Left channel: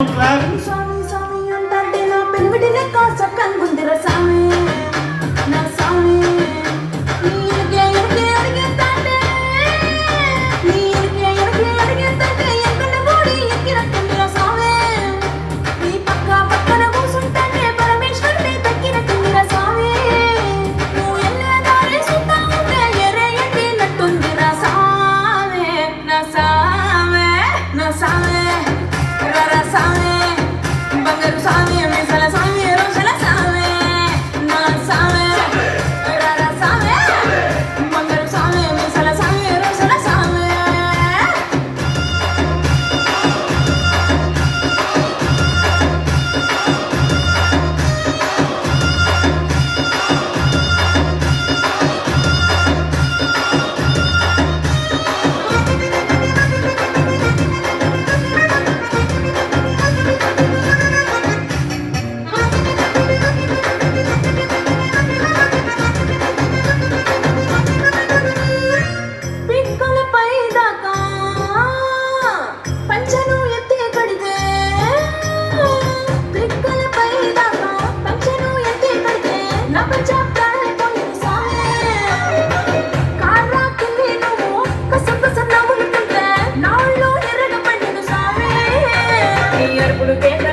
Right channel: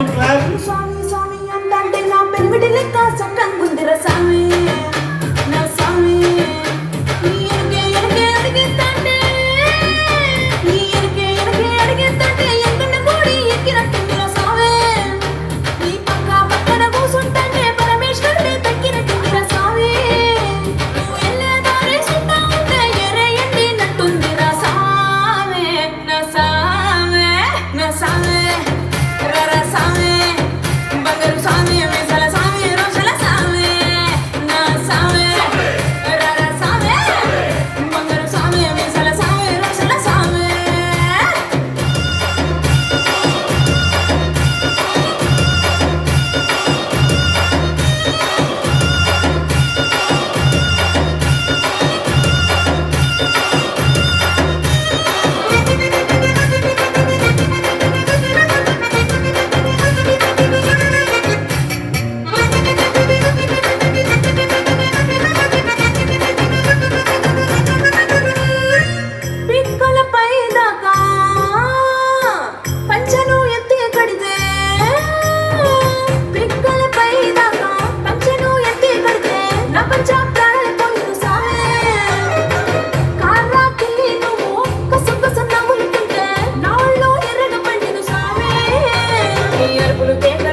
స్వామి స్వామి అంటే నా పెన్మిటి లెక్క చక్కనుందిర స్వామి నా స్వామి నీ ఎరిగే ఎరిగే అడిగేస్తాంటే నీ ఎరిగే ఎరిగే అడిగేస్తాంటే ఎక్కడ పోడి ఎక్కినట్టుందిర స్వామి నీ పక్కన కూసుంటానే పరమేశ్వరుడే తగ్గినట్టుందిర స్వామి నువ్వు వెళ్ళే దారి సుత్తా ఉంటే ఎరే ఎండినట్టుందిర స్వామి నా స్వామి నా స్వామి Porque